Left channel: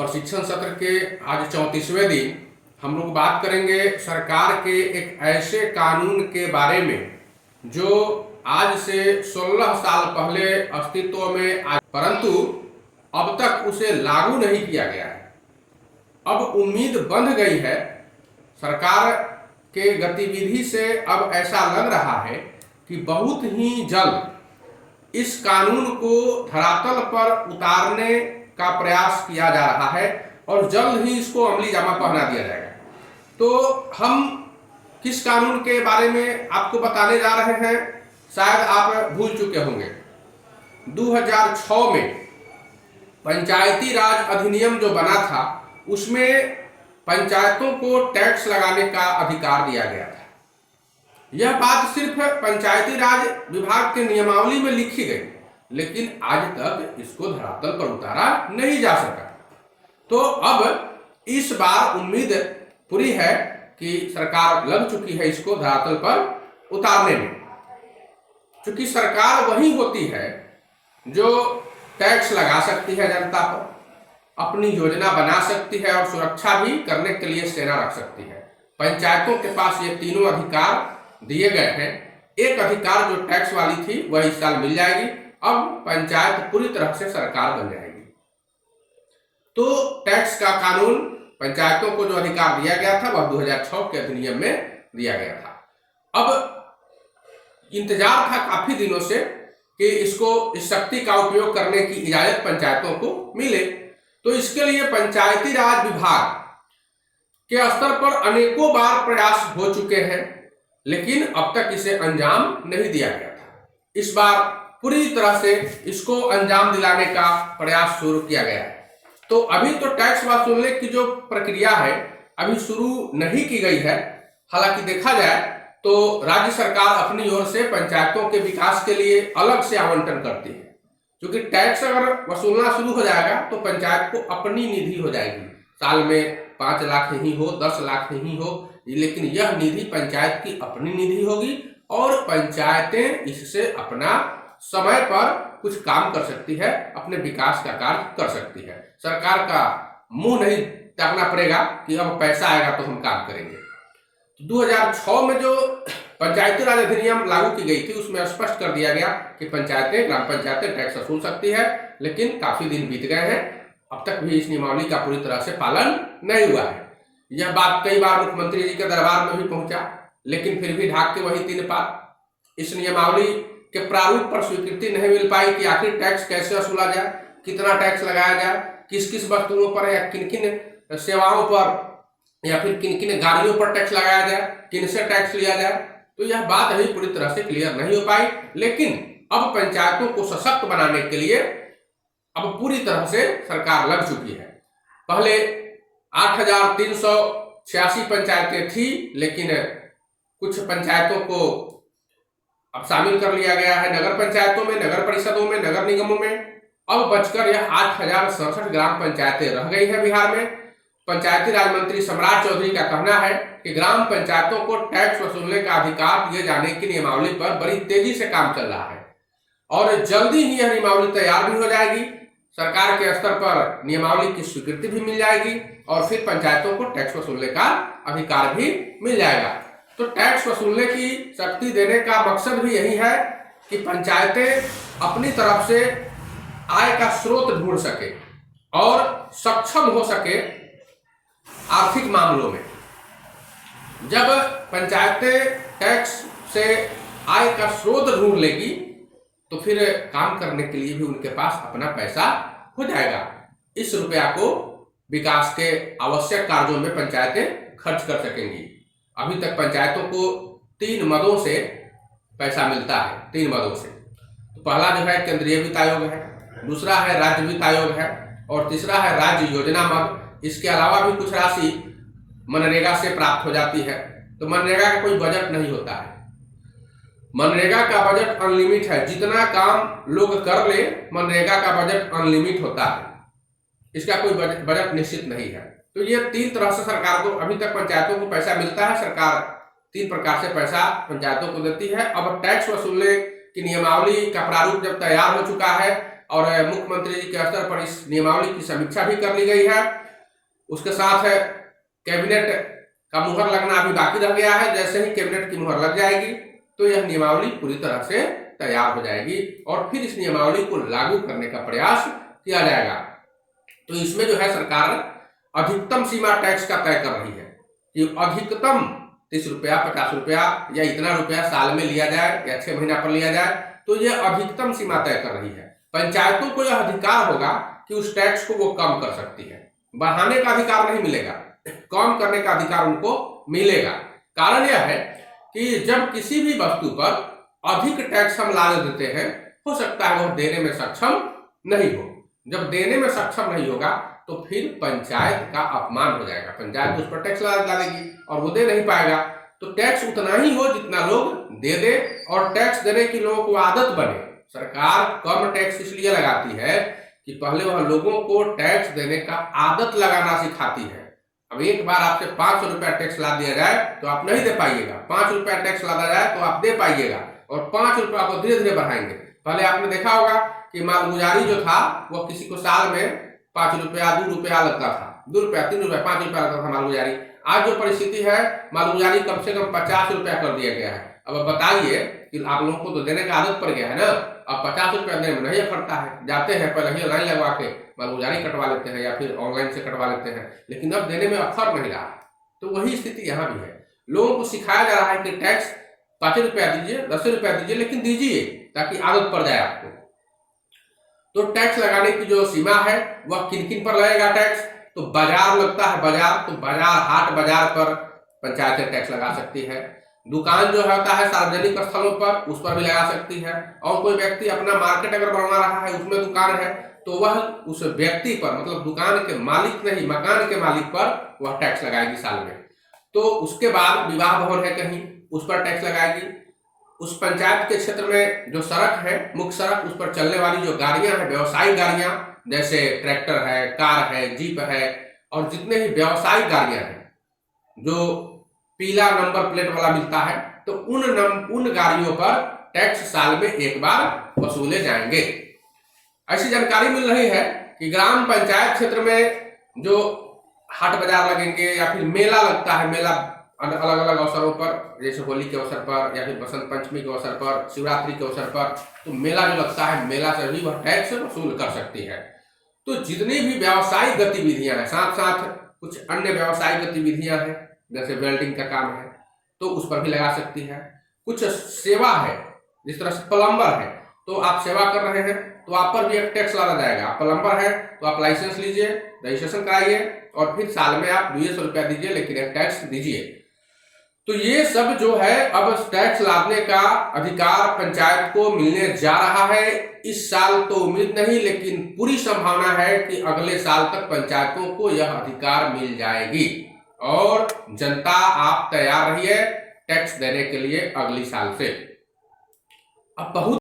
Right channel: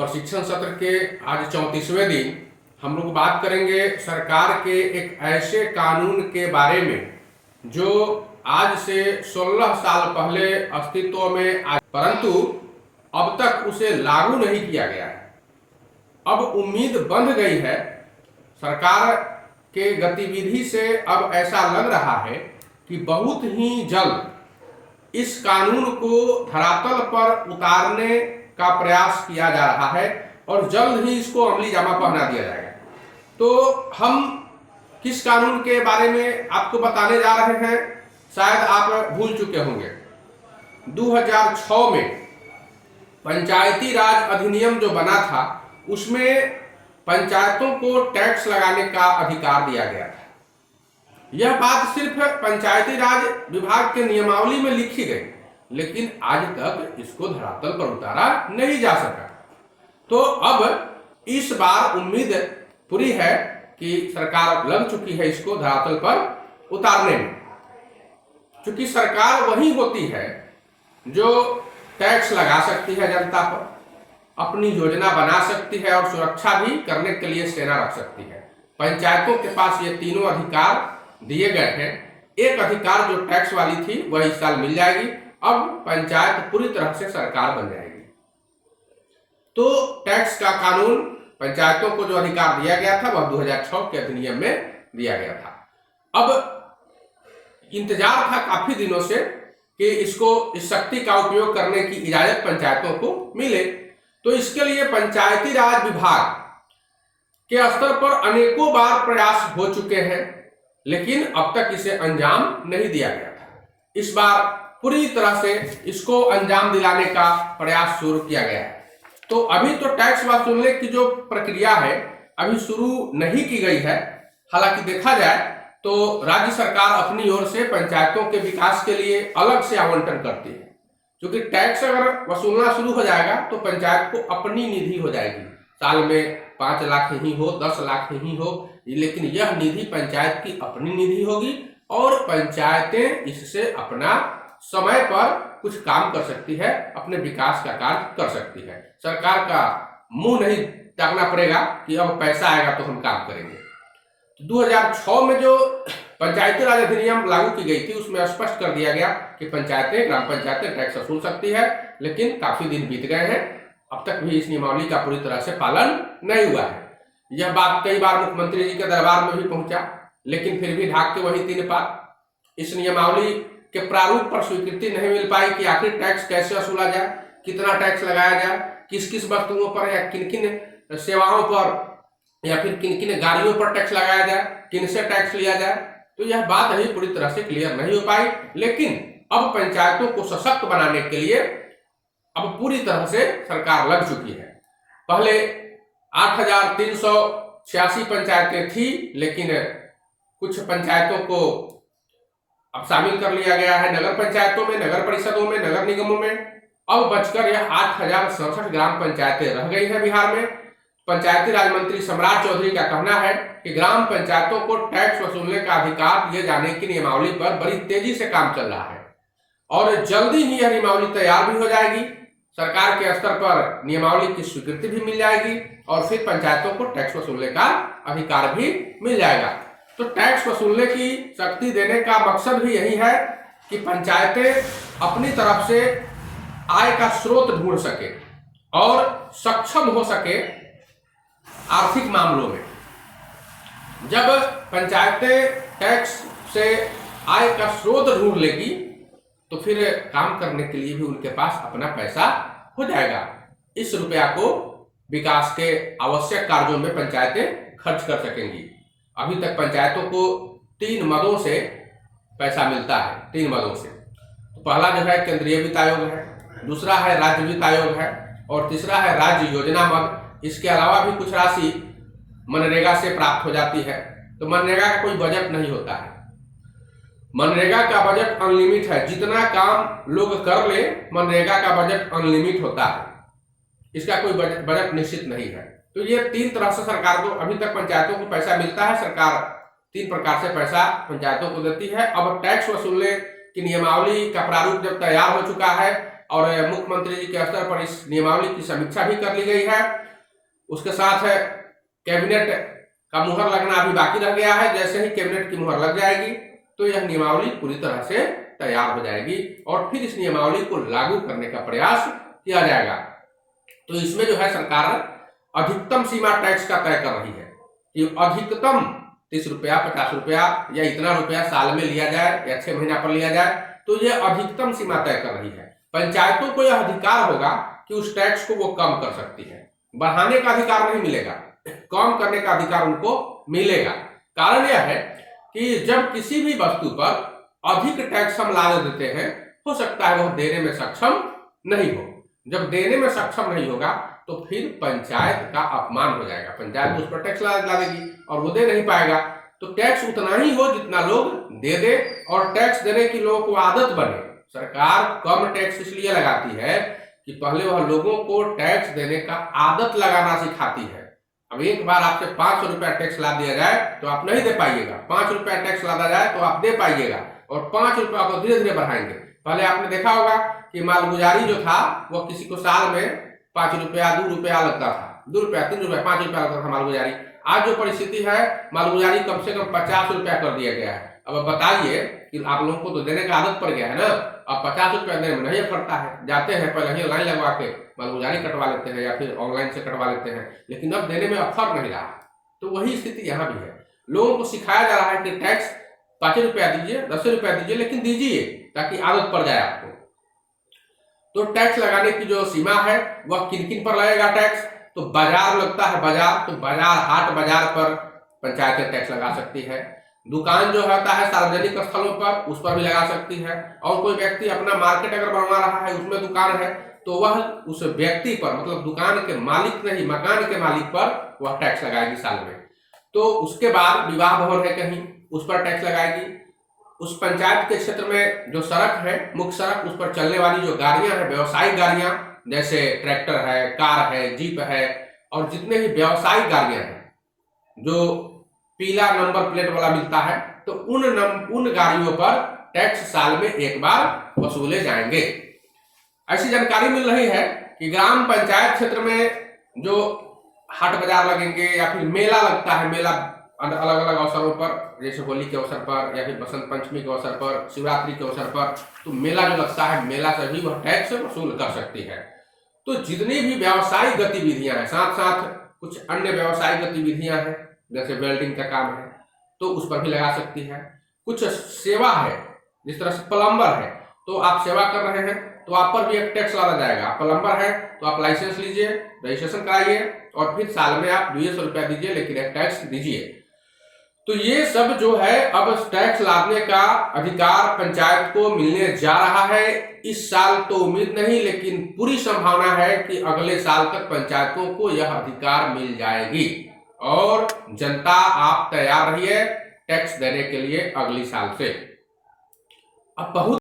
प्रशिक्षण सत्र के आज 34वें दिन हम लोग बात करेंगे सरकार के एक ऐसे कानून के बारे में जो आज से 16 साल पहले अस्तित्व में आया, परंतु अब तक उसे लागू नहीं किया गया है। अब उम्मीद बंध गई है। सरकार के गतिविधि से अब ऐसा लग रहा है कि बहुत ही जल्द इस कानून को धरातल पर उतारने का प्रयास किया जा रहा है और जल्द ही इसको अमली जामा पहना दिया जाएगा। तो हम किस कानून के बारे में आपको बताने जा रहे हैं, शायद आप भूल चुके होंगे। 2006 में पंचायती राज अधिनियम जो बना था उसमें पंचायतों को टैक्स लगाने का अधिकार दिया गया था। यह बात सिर्फ पंचायती राज विभाग के नियमावली में लिखी गई, लेकिन आज तक इसको धरातल पर उतारा नहीं जा सका। तो अब इस बार उम्मीद पूरी है कि सरकार लग चुकी है इसको धरातल पर उतारने में। क्योंकि सरकार वही होती है जो टैक्स लगा सकती है जनता पर, अपनी योजना बना सकती है और सुरक्षा भी करने के लिए सेना रख सकती है। पंचायतों के पास ये तीनों अधिकार दिए गए हैं। एक अधिकार जो टैक्स वाली थी वह इस साल मिल जाएगी। अब पंचायत पूरी तरह से सरकार बन जाएगी। तो टैक्स का कानून, पंचायतों को जो अधिकार दिया गया था वह 2006 के अधिनियम में दिया गया था। अब इंतजार था काफी दिनों से कि इसको, इस शक्ति का उपयोग करने की इजाजत पंचायतों को मिले। तो इसके लिए पंचायती राज विभाग के स्तर पर अनेकों बार प्रयास हो चुके हैं, लेकिन अब तक इसे अंजाम नहीं दिया गया था। इस बार पूरी तरह से इसको अंजाम दिलाने का प्रयास शुरू किया गया है। तो अभी तो टैक्स वसूलने की जो प्रक्रिया है अभी शुरू नहीं की गई है। हालांकि देखा जाए तो राज्य सरकार अपनी ओर से पंचायतों के विकास के लिए अलग से आवंटन करती है। क्योंकि टैक्स अगर वसूलना शुरू हो जाएगा तो पंचायत को अपनी निधि हो जाएगी। साल में 5 लाख ही हो, 10 लाख ही हो, लेकिन यह निधि पंचायत की अपनी निधि होगी और पंचायतें इससे अपना समय पर कुछ काम कर सकती है, अपने विकास का कार्य कर सकती है। सरकार का मुंह नहीं ताकना पड़ेगा कि अब पैसा आएगा तो हम काम करेंगे। 2006 में जो पंचायती राज अधिनियम लागू की गई थी उसमें स्पष्ट कर दिया गया कि पंचायतें, ग्राम पंचायतें टैक्स वसूल सकती है, लेकिन काफी दिन बीत गए हैं, अब तक भी इस नियमावली का पूरी तरह से पालन नहीं हुआ है। यह बात कई बार मुख्यमंत्री जी के दरबार में भी पहुंचा, लेकिन फिर भी ढाक के वही 3 पात। इस नियमावली के प्रारूप पर स्वीकृति नहीं मिल पाई कि आखिर टैक्स कैसे वसूला जाए, कितना टैक्स लगाया जाए, किस किस वस्तुओं पर या किन किन सेवाओं पर या फिर किन किन गाड़ियों पर टैक्स लगाया जाए, किन से टैक्स लिया जाए। तो यह बात अभी पूरी तरह से क्लियर नहीं हो पाई। लेकिन अब पंचायतों को सशक्त बनाने के लिए अब पूरी तरह से सरकार लग चुकी है। पहले 8,386 पंचायतें थी, लेकिन कुछ पंचायतों को अब शामिल कर लिया गया है नगर पंचायतों में, नगर परिषदों में, नगर निगमों में। अब बचकर यह 8,067 ग्राम पंचायतें रह गई हैं बिहार में। पंचायती राज मंत्री सम्राट चौधरी का कहना है कि ग्राम पंचायतों को टैक्स वसूलने का अधिकार दिए जाने की नियमावली पर बड़ी तेजी से काम चल रहा है और जल्दी ही यह नियमावली तैयार भी हो जाएगी। सरकार के स्तर पर नियमावली की स्वीकृति भी मिल जाएगी और फिर पंचायतों को टैक्स वसूलने का अधिकार भी मिल जाएगा। तो टैक्स वसूलने की शक्ति देने का मकसद भी यही है कि पंचायतें अपनी तरफ से आय का स्रोत ढूंढ सके और सक्षम हो सके आर्थिक मामलों में। जब पंचायतें टैक्स से आय का स्रोत ढूंढ लेगी तो फिर काम करने के लिए भी उनके पास अपना पैसा हो जाएगा। इस रुपया को विकास के आवश्यक कार्यों में पंचायतें खर्च कर सकेंगी। अभी तक पंचायतों को 3 मदों से पैसा मिलता है, 3 मदों से। तो पहला जो है केंद्रीय वित्त आयोग है, दूसरा है राज्य वित्त आयोग है और तीसरा है राज्य योजना मद। इसके अलावा भी कुछ राशि मनरेगा से प्राप्त हो जाती है। तो मनरेगा का कोई बजट नहीं होता है। मनरेगा का बजट अनलिमिट है, जितना काम लोग कर ले मनरेगा का बजट अनलिमिट होता है। इसका कोई बजट निश्चित नहीं है। तो ये 3 तरह से सरकार को, अभी तक पंचायतों को पैसा मिलता है। सरकार 3 प्रकार से पैसा पंचायतों को देती है। अब टैक्स वसूलने की नियमावली का प्रारूप जब तैयार हो चुका है, और मुख्यमंत्री जी के स्तर पर इस नियमावली की समीक्षा भी कर ली गई है। उसके साथ कैबिनेट का मुहर लगना अभी बाकी रह गया है। जैसे ही कैबिनेट की मुहर लग जाएगी तो यह नियमावली पूरी तरह से तैयार हो जाएगी और फिर इस नियमावली को लागू करने का प्रयास किया जाएगा। तो इसमें जो है सरकार अधिकतम सीमा टैक्स का तय कर रही है कि अधिकतम 30 रुपया, 50 रुपया या इतना रुपया साल में लिया जाए या 6 महीना पर लिया जाए। तो यह अधिकतम सीमा तय कर रही है। पंचायतों को यह अधिकार होगा कि उस टैक्स को वो कम कर सकती है। बढ़ाने का अधिकार नहीं मिलेगा, कम करने का अधिकार उनको मिलेगा। कारण यह है कि जब किसी भी वस्तु पर अधिक टैक्स हम लाद देते हैं, हो सकता है वह देने में सक्षम नहीं हो। जब देने में सक्षम नहीं होगा तो फिर पंचायत का अपमान हो जाएगा। पंचायत उस पर टैक्स ला देगी और वो दे नहीं पाएगा। तो टैक्स उतना ही हो जितना लोग दे दे और टैक्स देने की लोगों को आदत बने। सरकार कम टैक्स इसलिए लगाती है कि पहले वह लोगों को टैक्स देने का आदत लगाना सिखाती है। अब एक बार आपसे 500 रुपया टैक्स ला दिया जाए तो आप नहीं दे पाइएगा, 5 रुपया टैक्स लादा जाए तो आप दे पाइएगा और 5 रुपया को धीरे धीरे बढ़ाएंगे। पहले आपने देखा होगा कि मालगुजारी जो था वो किसी को साल में 5 रुपया, 2 रुपया लगता था, 2 रुपया, 3 रुपया, 5 रुपया लगता था मालगुजारी। आज जो परिस्थिति है, मालगुजारी कम से कम 50 रुपया कर दिया गया है। अब बताइए कि आप लोगों को तो देने का आदत पड़ गया है ना। अब 50 रुपया देने में नहीं फटता है, जाते हैं पहले ही लाइन लगवा के मालगुजारी कटवा लेते हैं या फिर ऑनलाइन से कटवा लेते हैं, लेकिन अब देने में अफर नहीं रहा। तो वही स्थिति यहाँ भी है। लोगों को सिखाया जा रहा है कि टैक्स 5 रुपया दीजिए, 10 रुपया दीजिए, लेकिन दीजिए ताकि आदत पड़ जाए आपको। तो टैक्स लगाने की जो सीमा है वह किन किन पर लगेगा टैक्स? तो बाजार लगता है, बाजार, तो बाजार, हाट बाजार पर पंचायतें टैक्स लगा सकती है। दुकान जो होता है सार्वजनिक स्थलों पर, उस पर भी लगा सकती है। और कोई व्यक्ति अपना मार्केट अगर बनवा रहा है, उसमें दुकान है, तो वह उस व्यक्ति पर, मतलब दुकान के मालिक नहीं, मकान के मालिक पर वह टैक्स लगाएगी साल में। तो उसके बाद विवाह भवन है कहीं, उस पर टैक्स लगाएगी। उस पंचायत के क्षेत्र में जो सड़क है, मुख्य सड़क, उस पर चलने वाली जो गाड़ियां हैं, व्यवसायिक गाड़ियां, जैसे ट्रैक्टर है, कार है, जीप है, और जितने भी व्यवसायिक गाड़ियां हैं जो पीला नंबर प्लेट वाला मिलता है, तो उन गाड़ियों पर टैक्स साल में एक बार वसूले जाएंगे। ऐसी जानकारी मिल रही है कि ग्राम पंचायत क्षेत्र में जो हाट बाजार लगेंगे या फिर मेला लगता है, मेला अलग अलग अवसरों पर, जैसे होली के अवसर पर या फिर बसंत पंचमी के अवसर पर, शिवरात्रि के अवसर पर, तो मेला जो लगता है, मेला से भी वह टैक्स वसूल कर सकती है। तो जितनी भी व्यावसायिक गतिविधियां हैं, साथ साथ कुछ अन्य व्यावसायिक गतिविधियां हैं, जैसे वेल्डिंग का काम है, तो उस पर भी लगा सकती है। कुछ सेवा है, जिस तरह से प्लम्बर है, तो आप सेवा कर रहे हैं तो आप पर भी एक टैक्स लाना जाएगा। आप प्लम्बर है तो आप लाइसेंस लीजिए, रजिस्ट्रेशन कराइए और फिर साल में आप 200 रुपया दीजिए, लेकिन एक टैक्स दीजिए। तो ये सब जो है अब टैक्स लादने का अधिकार पंचायत को मिलने जा रहा है। इस साल तो उम्मीद नहीं, लेकिन पूरी संभावना है कि अगले साल तक पंचायतों को यह अधिकार मिल जाएगी। और जनता आप तैयार रहिए टैक्स देने के लिए अगली साल से। अब बहुत